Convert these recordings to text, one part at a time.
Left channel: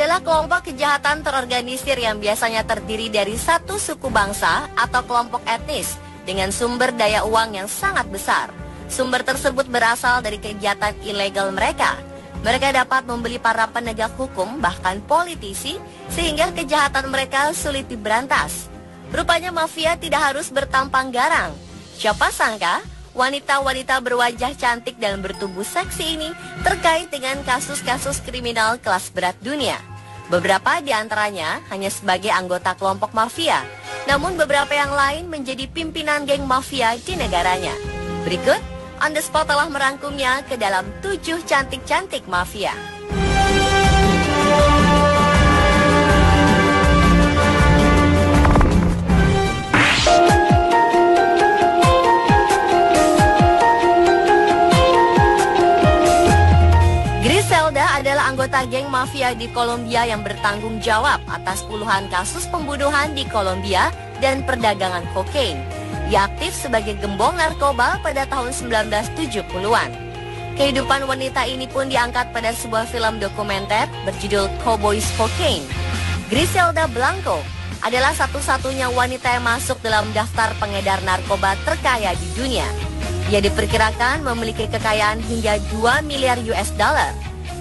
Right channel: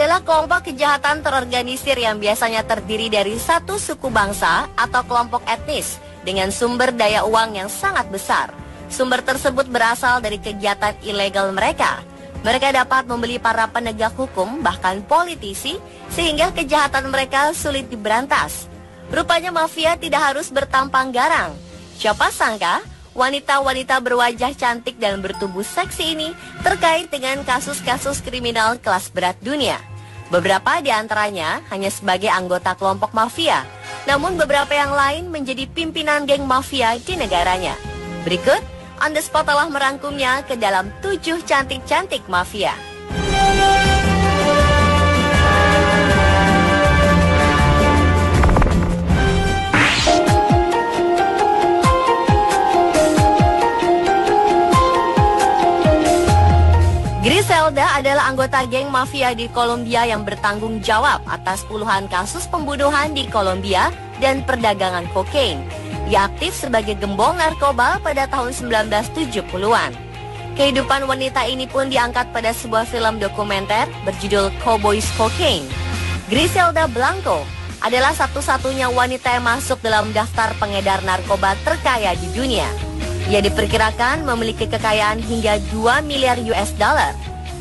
adalah kelompok kejahatan terorganisir yang biasanya terdiri dari satu suku bangsa atau kelompok etnis dengan sumber daya uang yang sangat besar. Sumber tersebut berasal dari kegiatan ilegal mereka. Mereka dapat membeli para penegak hukum, bahkan politisi, sehingga kejahatan mereka sulit diberantas. Rupanya mafia tidak harus bertampang garang. Siapa sangka wanita-wanita berwajah cantik dan bertubuh seksi ini terkait dengan kasus-kasus kriminal kelas berat dunia. Beberapa di antaranya hanya sebagai anggota kelompok mafia, namun beberapa yang lain menjadi pimpinan geng mafia di negaranya. Berikut, On The Spot telah merangkumnya ke dalam 7 cantik-cantik mafia. Griselda adalah anggota geng mafia di Kolombia yang bertanggung jawab atas puluhan kasus pembunuhan di Kolombia dan perdagangan kokain. Ia aktif sebagai gembong narkoba pada tahun 1970-an. Kehidupan wanita ini pun diangkat pada sebuah film dokumenter berjudul Cowboys Cocaine. Griselda Blanco adalah satu-satunya wanita yang masuk dalam daftar pengedar narkoba terkaya di dunia. Ia diperkirakan memiliki kekayaan hingga 2 miliar US dollar.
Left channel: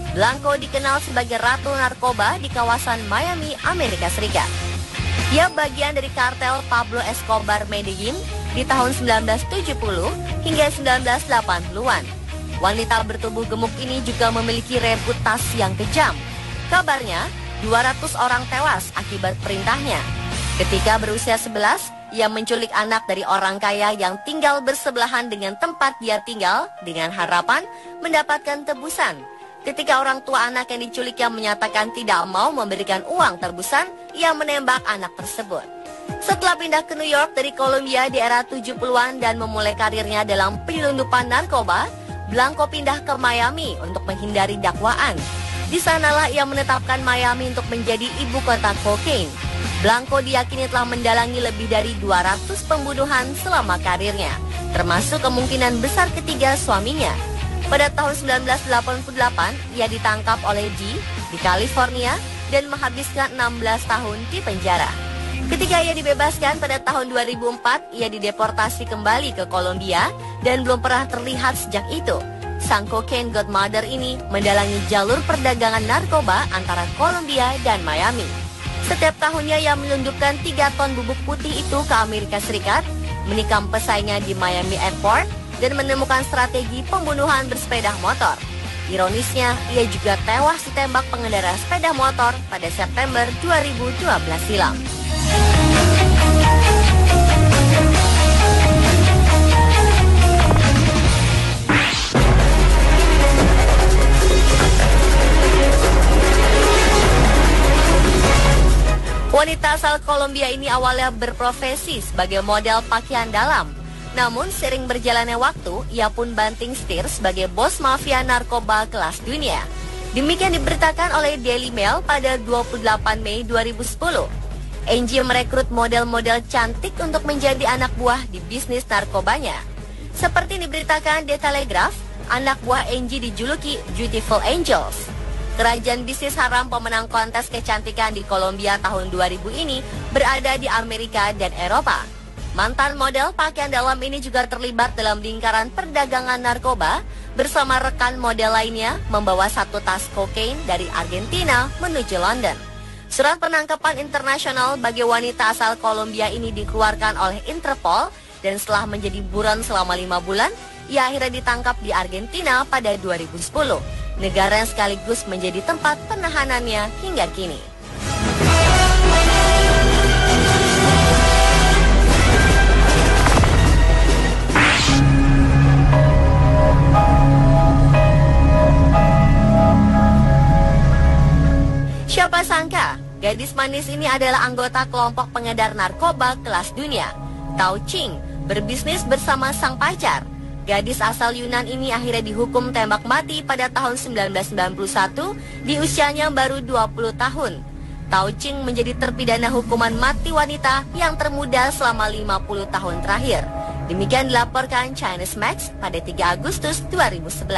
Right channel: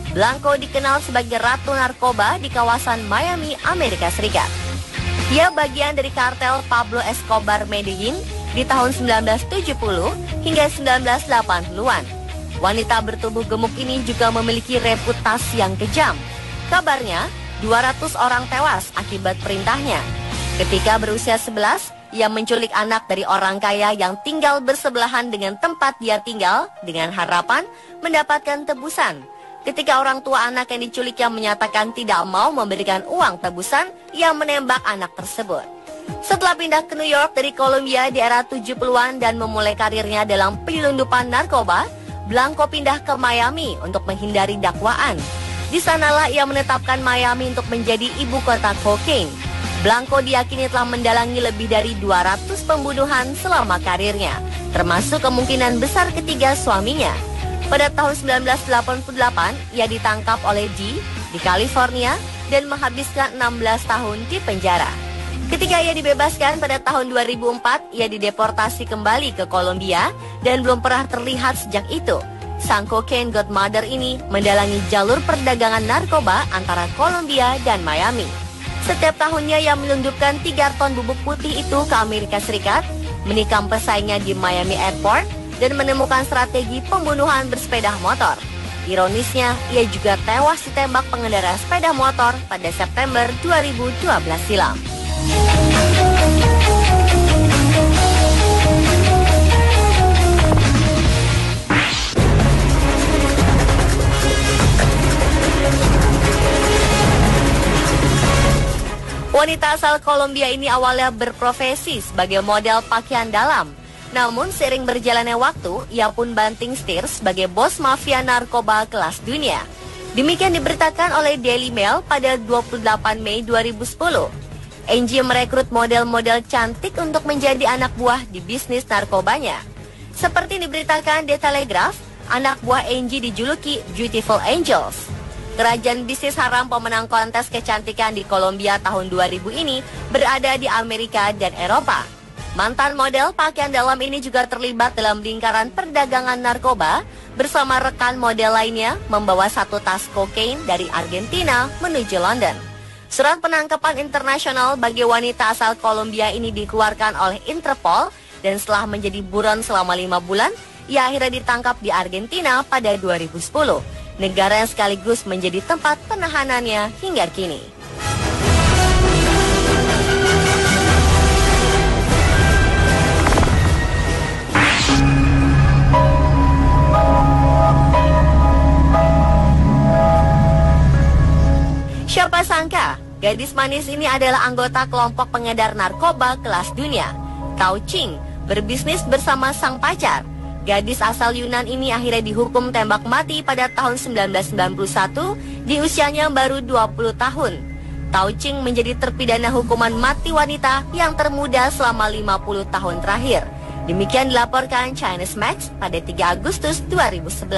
Blanco dikenal sebagai ratu narkoba di kawasan Miami, Amerika Serikat. Ia bagian dari kartel Pablo Escobar Medellin di tahun 1970 hingga 1980-an. Wanita bertubuh gemuk ini juga memiliki reputasi yang kejam. Kabarnya, 200 orang tewas akibat perintahnya. Ketika berusia 11, ia menculik anak dari orang kaya yang tinggal bersebelahan dengan tempat dia tinggal dengan harapan mendapatkan tebusan. Ketika orang tua anak yang diculiknya menyatakan tidak mau memberikan uang tebusan, ia menembak anak tersebut. Setelah pindah ke New York dari Kolombia di era 70-an dan memulai karirnya dalam penyelundupan narkoba, Blanco pindah ke Miami untuk menghindari dakwaan. Di sanalah ia menetapkan Miami untuk menjadi ibu kota kokain. Blanco diyakini telah mendalangi lebih dari 200 pembunuhan selama karirnya, termasuk kemungkinan besar ketiga suaminya. Pada tahun 1988, ia ditangkap oleh G di California dan menghabiskan 16 tahun di penjara. Ketika ia dibebaskan pada tahun 2004, ia dideportasi kembali ke Kolombia dan belum pernah terlihat sejak itu. Sang cocaine godmother ini mendalangi jalur perdagangan narkoba antara Kolombia dan Miami. Setiap tahunnya ia menyelundupkan 3 ton bubuk putih itu ke Amerika Serikat, menikam pesaingnya di Miami Airport, dan menemukan strategi pembunuhan bersepeda motor. Ironisnya, ia juga tewas ditembak pengendara sepeda motor pada September 2012 silam. Wanita asal Kolombia ini awalnya berprofesi sebagai model pakaian dalam. Namun sering berjalannya waktu, ia pun banting setir sebagai bos mafia narkoba kelas dunia. Demikian diberitakan oleh Daily Mail pada 28 Mei 2010. Angie merekrut model-model cantik untuk menjadi anak buah di bisnis narkobanya. Seperti diberitakan The Telegraph, anak buah Angie dijuluki Beautiful Angels. Kerajaan bisnis haram pemenang kontes kecantikan di Kolombia tahun 2000 ini berada di Amerika dan Eropa. Mantan model pakaian dalam ini juga terlibat dalam lingkaran perdagangan narkoba bersama rekan model lainnya membawa 1 tas kokain dari Argentina menuju London. Surat penangkapan internasional bagi wanita asal Kolombia ini dikeluarkan oleh Interpol dan setelah menjadi buron selama 5 bulan, ia akhirnya ditangkap di Argentina pada 2010. Negara sekaligus menjadi tempat penahanannya hingga kini. Siapa sangka, gadis manis ini adalah anggota kelompok pengedar narkoba kelas dunia. Tao Ching berbisnis bersama sang pacar. Gadis asal Yunan ini akhirnya dihukum tembak mati pada tahun 1991 di usianya baru 20 tahun. Tao Ching menjadi terpidana hukuman mati wanita yang termuda selama 50 tahun terakhir. Demikian dilaporkan Chinese Max pada 3 Agustus 2011.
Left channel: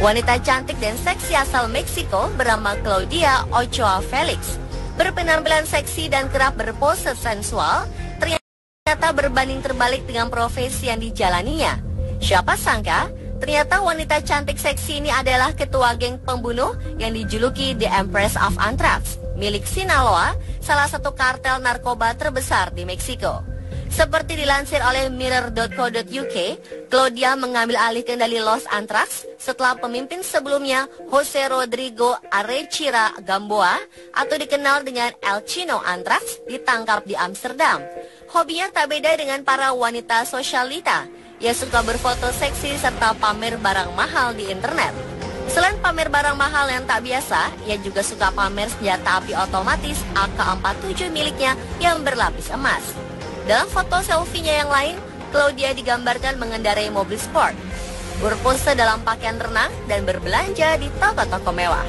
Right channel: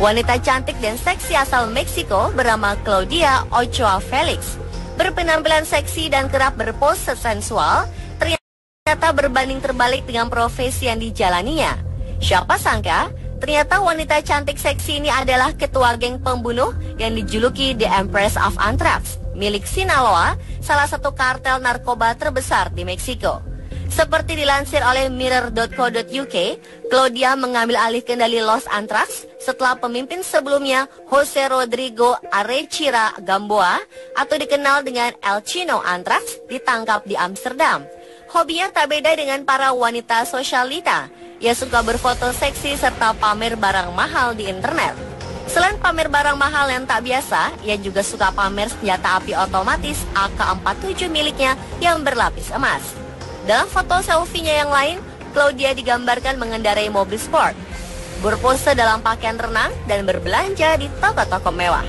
Wanita cantik dan seksi asal Meksiko bernama Claudia Ochoa Felix berpenampilan seksi dan kerap berpose sensual ternyata berbanding terbalik dengan profesi yang dijalaninya. Siapa sangka ternyata wanita cantik seksi ini adalah ketua geng pembunuh yang dijuluki The Empress of Anthrax milik Sinaloa, salah satu kartel narkoba terbesar di Meksiko. Seperti dilansir oleh Mirror.co.uk, Claudia mengambil alih kendali Los Anthrax setelah pemimpin sebelumnya Jose Rodrigo Arechira Gamboa atau dikenal dengan El Chino Anthrax ditangkap di Amsterdam. Hobinya tak beda dengan para wanita sosialita. Ia suka berfoto seksi serta pamer barang mahal di internet. Selain pamer barang mahal yang tak biasa, ia juga suka pamer senjata api otomatis AK-47 miliknya yang berlapis emas. Dalam foto selfie-nya yang lain, Claudia digambarkan mengendarai mobil sport, berpose dalam pakaian renang, dan berbelanja di toko-toko mewah.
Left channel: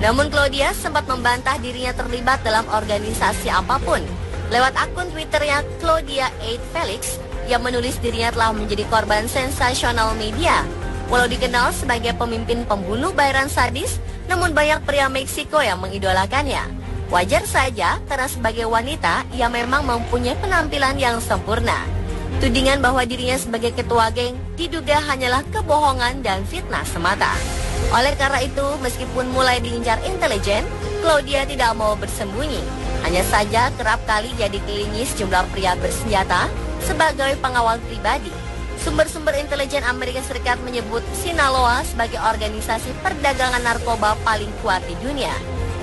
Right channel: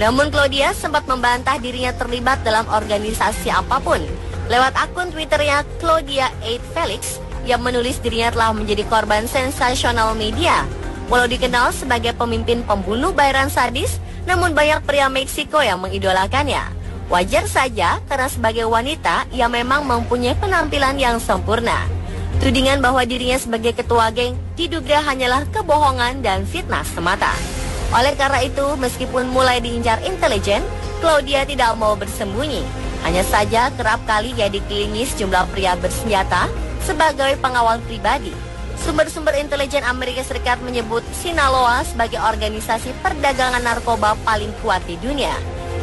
Namun Claudia sempat membantah dirinya terlibat dalam organisasi apapun. Lewat akun Twitternya Claudia 8 Felix, ia menulis dirinya telah menjadi korban sensasional media. Walau dikenal sebagai pemimpin pembunuh bayaran sadis, namun banyak pria Meksiko yang mengidolakannya. Wajar saja karena sebagai wanita, ia memang mempunyai penampilan yang sempurna. Tudingan bahwa dirinya sebagai ketua geng diduga hanyalah kebohongan dan fitnah semata. Oleh karena itu, meskipun mulai diincar intelijen, Claudia tidak mau bersembunyi. Hanya saja kerap kali dia dikelilingi sejumlah pria bersenjata sebagai pengawal pribadi. Sumber-sumber intelijen Amerika Serikat menyebut Sinaloa sebagai organisasi perdagangan narkoba paling kuat di dunia.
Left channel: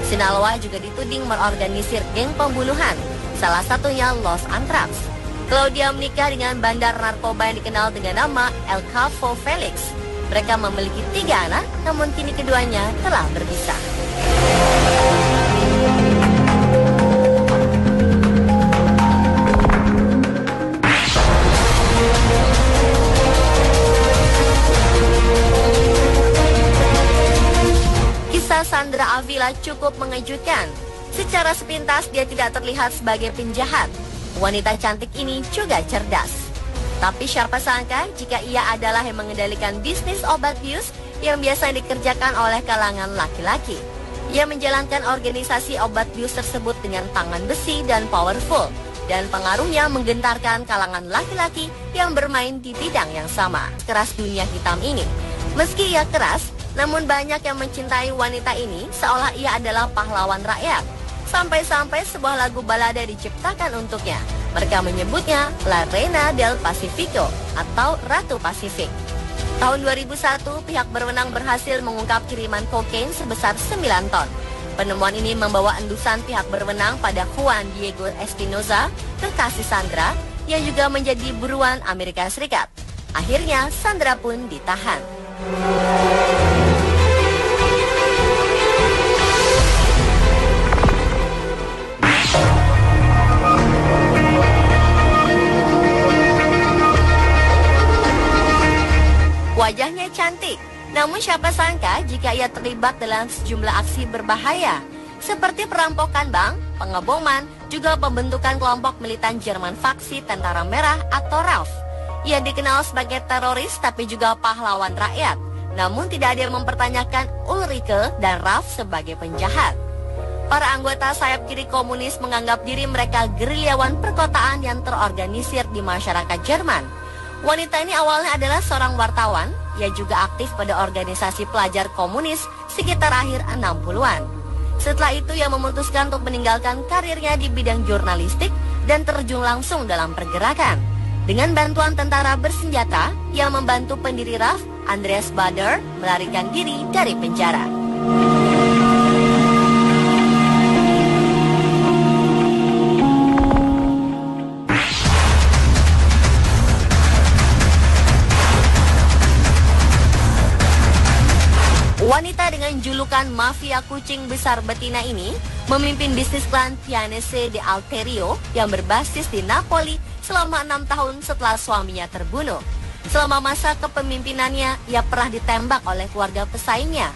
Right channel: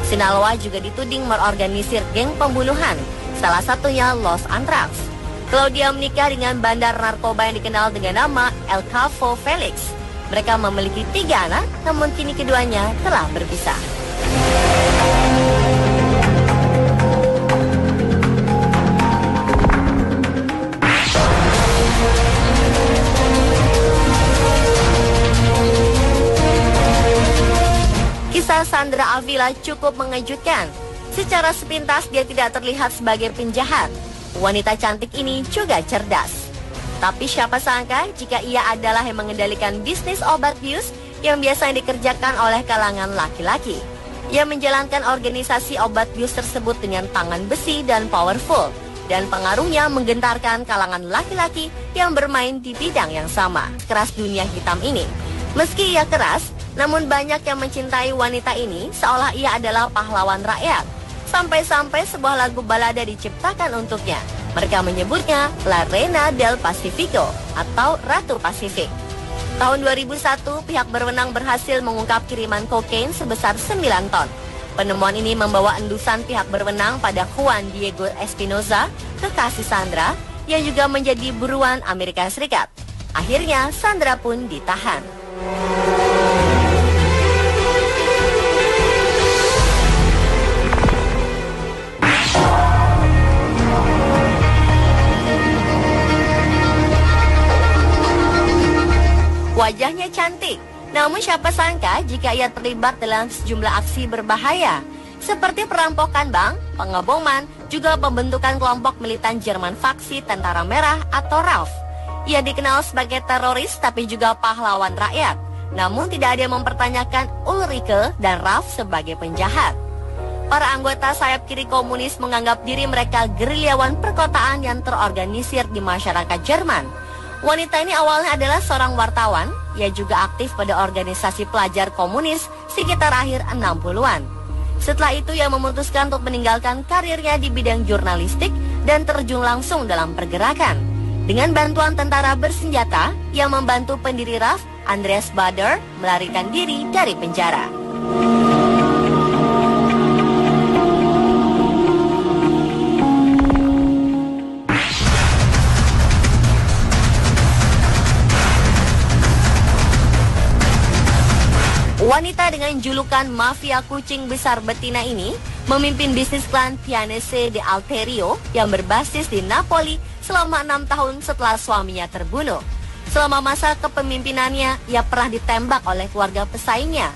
Sinaloa juga dituding mengorganisir geng pembunuhan, salah satunya Los Anthrax. Claudia menikah dengan bandar narkoba yang dikenal dengan nama El Capo Felix. Mereka memiliki 3 anak, namun kini keduanya telah berpisah. Kisah Sandra Avila cukup mengejutkan. Secara sepintas dia tidak terlihat sebagai penjahat. Wanita cantik ini juga cerdas. Tapi siapa sangka jika ia adalah yang mengendalikan bisnis obat bius yang biasa dikerjakan oleh kalangan laki-laki. Ia menjalankan organisasi obat bius tersebut dengan tangan besi dan powerful, dan pengaruhnya menggentarkan kalangan laki-laki yang bermain di bidang yang sama. Keras dunia hitam ini. Meski ia keras, namun banyak yang mencintai wanita ini seolah ia adalah pahlawan rakyat. Sampai-sampai sebuah lagu balada diciptakan untuknya. Mereka menyebutnya La Reina del Pacifico atau Ratu Pasifik. Tahun 2001, pihak berwenang berhasil mengungkap kiriman kokain sebesar 9 ton. Penemuan ini membawa endusan pihak berwenang pada Juan Diego Espinoza, kekasih Sandra, yang juga menjadi buruan Amerika Serikat. Akhirnya Sandra pun ditahan. Wajahnya cantik, namun siapa sangka jika ia terlibat dalam sejumlah aksi berbahaya seperti perampokan bank, pengeboman, juga pembentukan kelompok militan Jerman faksi Tentara Merah atau RAF. Ia dikenal sebagai teroris tapi juga pahlawan rakyat. Namun tidak ada yang mempertanyakan Ulrike dan RAF sebagai penjahat. Para anggota sayap kiri komunis menganggap diri mereka gerilyawan perkotaan yang terorganisir di masyarakat Jerman. Wanita ini awalnya adalah seorang wartawan, ia juga aktif pada organisasi pelajar komunis sekitar akhir 60-an. Setelah itu ia memutuskan untuk meninggalkan karirnya di bidang jurnalistik dan terjun langsung dalam pergerakan. Dengan bantuan tentara bersenjata, ia membantu pendiri RAF, Andreas Baader, melarikan diri dari penjara. Wanita dengan julukan mafia kucing besar betina ini memimpin bisnis klan Pianese de Alterio yang berbasis di Napoli selama 6 tahun setelah suaminya terbunuh. Selama masa kepemimpinannya, ia pernah ditembak oleh keluarga pesaingnya.